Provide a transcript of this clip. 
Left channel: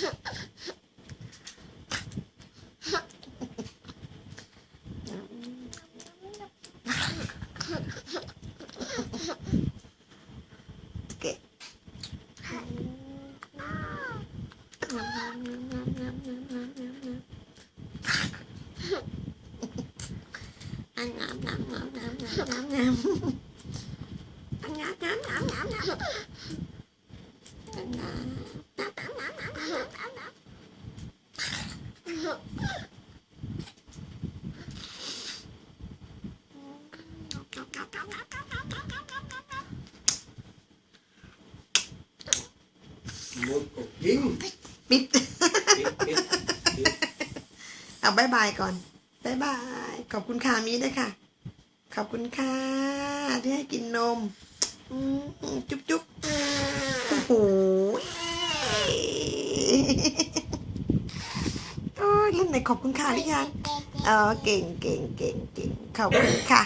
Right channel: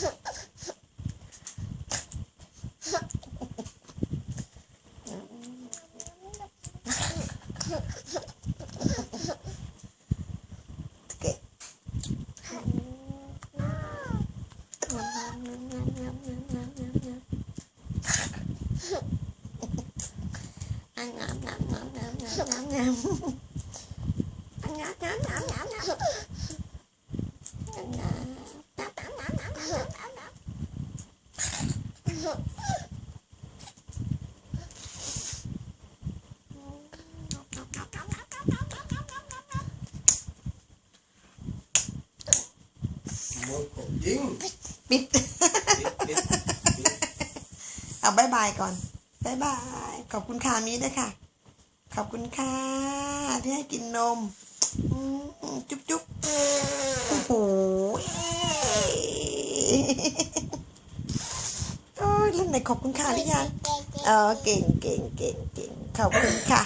ăn ngậm ngậm ngậm ngậm ngậm ngậm ngậm ăn ngậm ngậm ngậm ngậm ngậm ngậm ปิดปิดปิด เอาบายบายก่อนบายบาย ขอบคุณค่ะมีด้วยค่ะ ขอบคุณค่ะ ที่ให้กินนมอืมจุ๊บจุ๊บโอ้โห โอ้ยเล่นไหนขอบคุณค่ะหรือยังเออเก่งเก่งเก่งเก่งขอบคุณค่ะ